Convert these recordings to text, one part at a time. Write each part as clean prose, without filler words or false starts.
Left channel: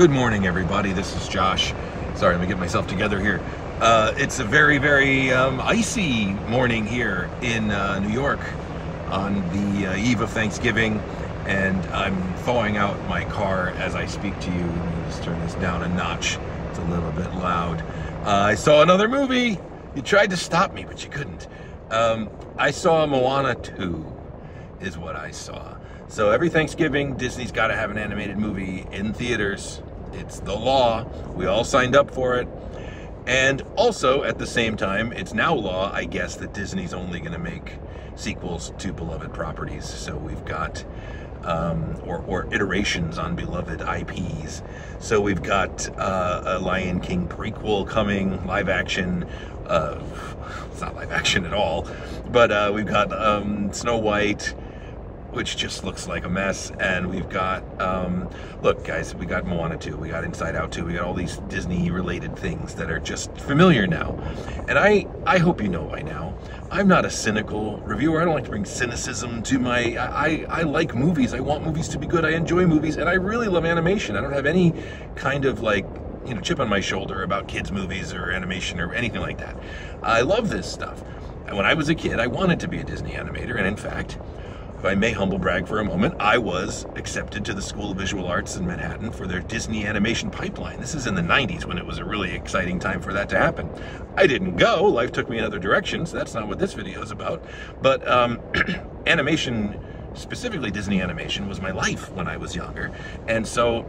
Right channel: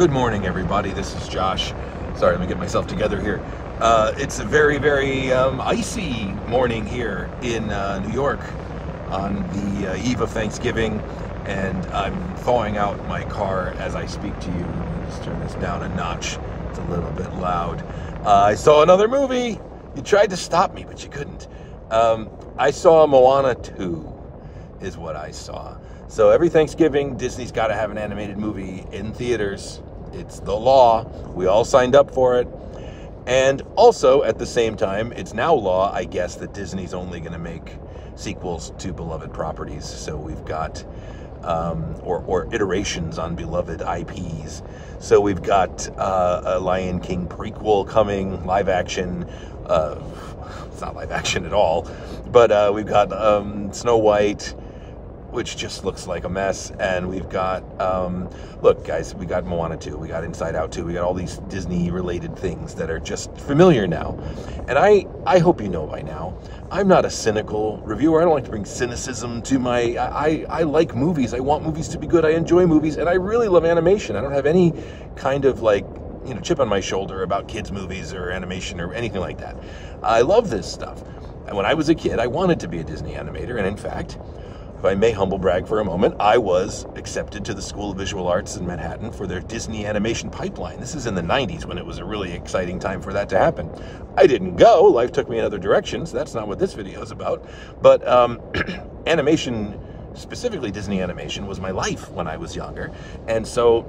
Good morning, everybody. This is Josh. Sorry, let me get myself together here. It's a very, very icy morning here in New York on the eve of Thanksgiving, and I'm thawing out my car as I speak to you. Let's turn this down a notch. It's a little bit loud. I saw another movie. You tried to stop me, but you couldn't. I saw Moana 2 is what I saw. So every Thanksgiving, Disney's got to have an animated movie in theaters. It's the law. We all signed up for it. And also, at the same time, it's now law, I guess, that Disney's only going to make sequels to beloved properties. So we've got, or iterations on beloved IPs. So we've got a Lion King prequel coming, live action. It's not live action at all. But we've got Snow White, which just looks like a mess. And we've got, look, guys, we got Moana 2, we got Inside Out 2, we got all these Disney-related things that are just familiar now. And I hope you know by now, I'm not a cynical reviewer. I don't like to bring cynicism to my, I like movies. I want movies to be good. I enjoy movies, and I really love animation. I don't have any kind of, like, chip on my shoulder about kids' movies or animation or anything like that. I love this stuff. And when I was a kid, I wanted to be a Disney animator, and in fact, if I may humble brag for a moment, I was accepted to the School of Visual Arts in Manhattan for their Disney animation pipeline. This is in the 90s when it was a really exciting time for that to happen. I didn't go. Life took me in other directions. That's not what this video is about. But animation, specifically Disney animation, was my life when I was younger. And so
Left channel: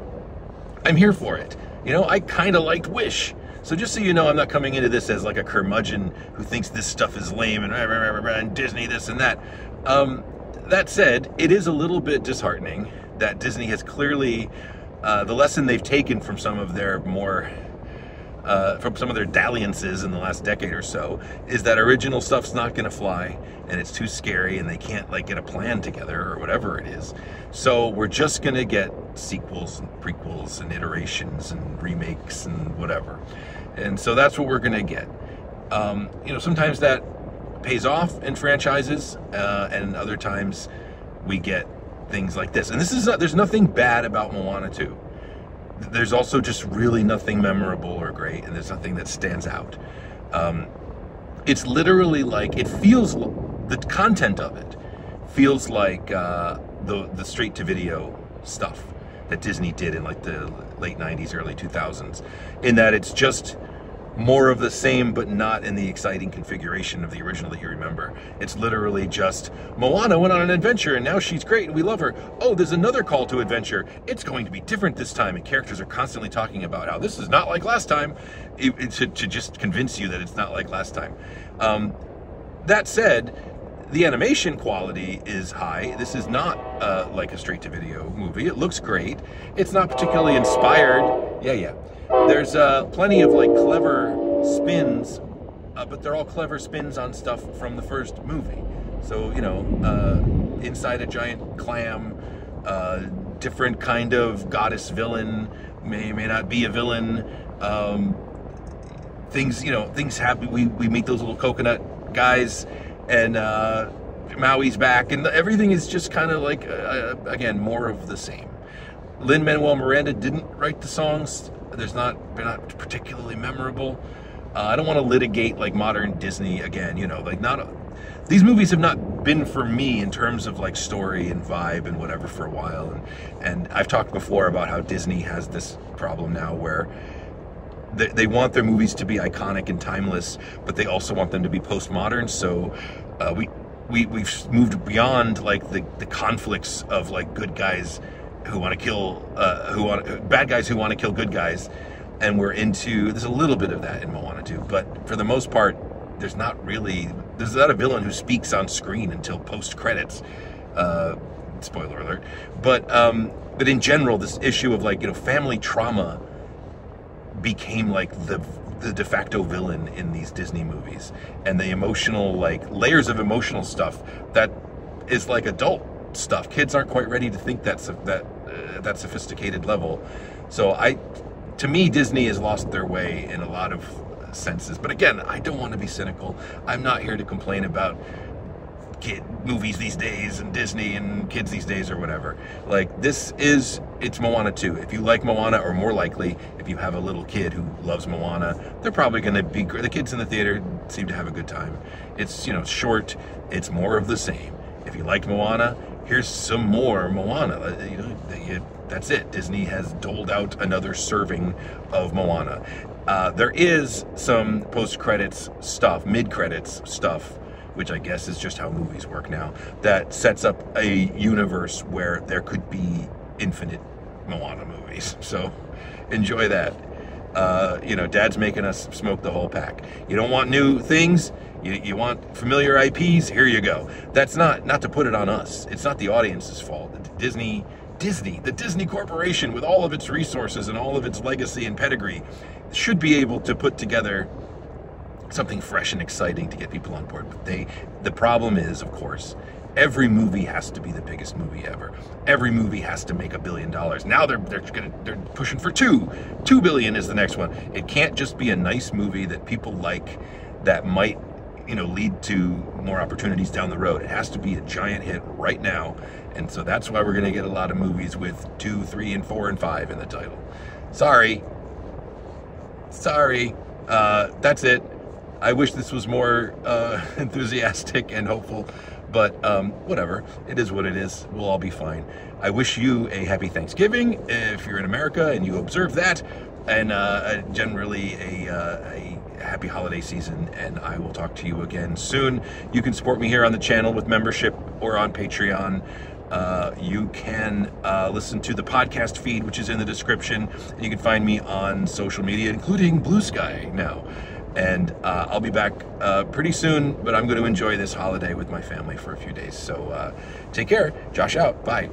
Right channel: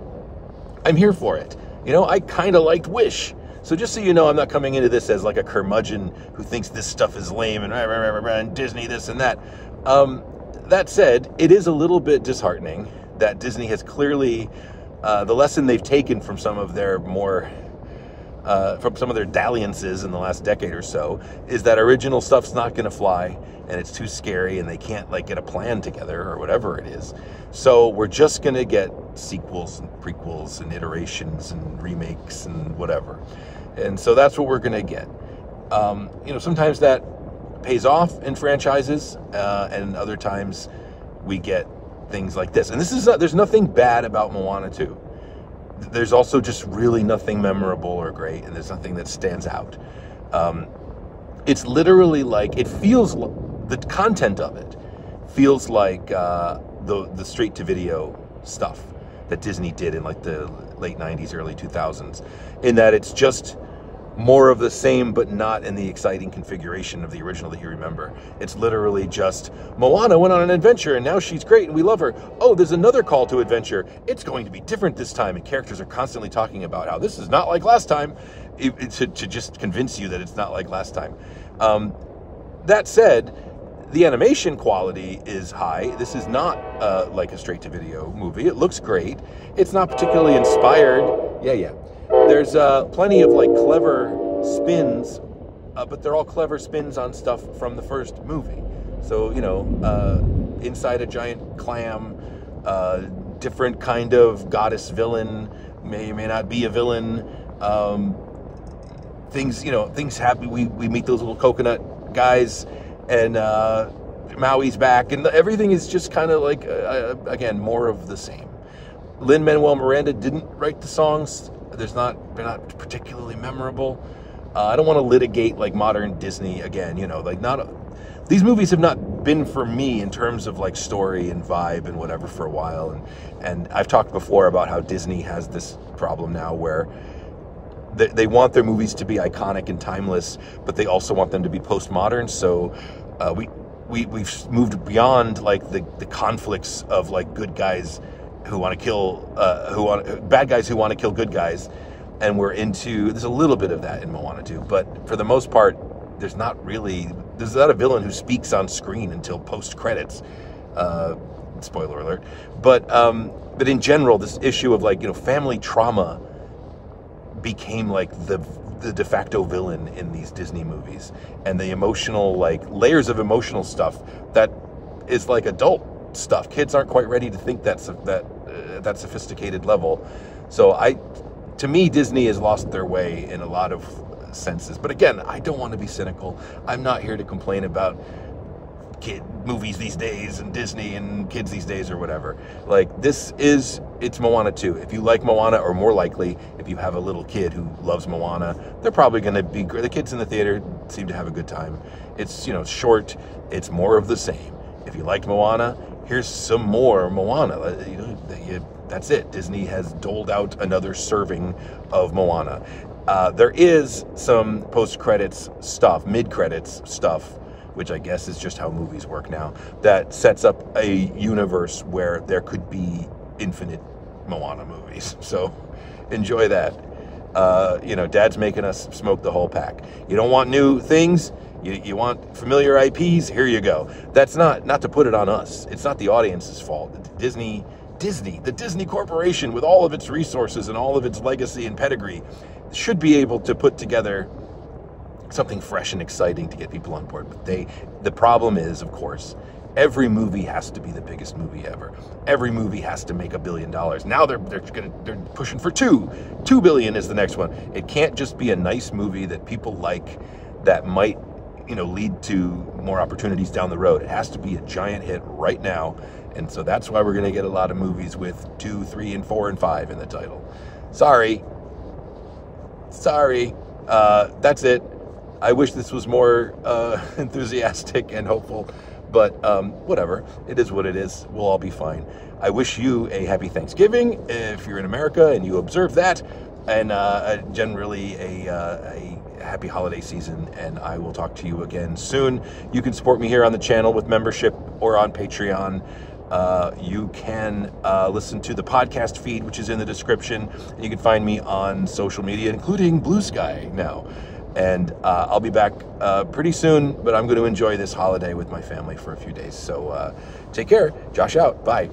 I'm here for it. I kind of liked Wish. So just so you know, I'm not coming into this as like a curmudgeon who thinks this stuff is lame and Disney this and that. That said, it is a little bit disheartening that Disney has clearly, the lesson they've taken from some of their from some of their dalliances in the last decade or so, is that original stuff's not going to fly, and it's too scary, and they can't get a plan together or whatever it is. So we're just going to get sequels and prequels and iterations and remakes and whatever. And so that's what we're going to get. Sometimes that pays off in franchises, and other times we get things like this. And there's nothing bad about Moana 2. There's also just really nothing memorable or great, and there's nothing that stands out. It's literally like, it feels, the content of it feels like the straight-to-video stuff that Disney did in like the late 90s, early 2000s, in that it's just more of the same, but not in the exciting configuration of the original that you remember. It's literally just, Moana went on an adventure, and now she's great, and we love her. Oh, there's another call to adventure. It's going to be different this time, and characters are constantly talking about how this is not like last time, to just convince you that it's not like last time. That said, the animation quality is high. This is not like a straight-to-video movie. It looks great. It's not particularly inspired. Yeah. There's plenty of clever spins, but they're all clever spins on stuff from the first movie. So, inside a giant clam, different kind of goddess villain, may not be a villain. Things happen. We meet those little coconut guys, and Maui's back, and everything is just kind of again, more of the same. Lin-Manuel Miranda didn't write the songs. They're not particularly memorable. I don't want to litigate modern Disney again. These movies have not been for me in terms of story and vibe and whatever for a while. And I've talked before about how Disney has this problem now where they want their movies to be iconic and timeless, but they also want them to be postmodern. So we've moved beyond the conflicts of good guys who want to kill, bad guys who want to kill good guys, and there's a little bit of that in Moana 2, but for the most part, there's not a villain who speaks on screen until post-credits, spoiler alert, but in general, this issue of family trauma became the de facto villain in these Disney movies, and the emotional, layers of emotional stuff that is adult stuff. Kids aren't quite ready to think that sophisticated level. So to me, Disney has lost their way in a lot of senses. But again, I don't want to be cynical. I'm not here to complain about kid movies these days and Disney and kids these days or whatever. Like, it's Moana 2. If you like Moana, or more likely, if you have a little kid who loves Moana, they're probably going to be great. The kids in the theater seem to have a good time. It's, short. It's more of the same. If you liked Moana, here's some more Moana. That's it. Disney has doled out another serving of Moana. There is some post-credits stuff, mid-credits stuff, which I guess is just how movies work now, that sets up a universe where there could be infinite Moana movies. So enjoy that. Dad's making us smoke the whole pack. You don't want new things? You want familiar IPs? Here you go. That's not to put it on us. It's not the audience's fault. Disney, the Disney Corporation, with all of its resources and all of its legacy and pedigree, should be able to put together something fresh and exciting to get people on board. But the problem is, of course, every movie has to be the biggest movie ever. Every movie has to make $1 billion. Now they're pushing for $2 billion is the next one. It can't just be a nice movie that people like, that might lead to more opportunities down the road. It has to be a giant hit right now. And so that's why we're going to get a lot of movies with 2, 3, and 4, and 5 in the title. Sorry. That's it. I wish this was more enthusiastic and hopeful, but whatever. It is what it is. We'll all be fine. I wish you a happy Thanksgiving if you're in America and you observe that, and generally a happy holiday season, and I will talk to you again soon. You can support me here on the channel with membership or on Patreon. You can listen to the podcast feed, which is in the description. You can find me on social media, including Blue Sky now. And I'll be back pretty soon, but I'm going to enjoy this holiday with my family for a few days. So take care. Josh out. Bye.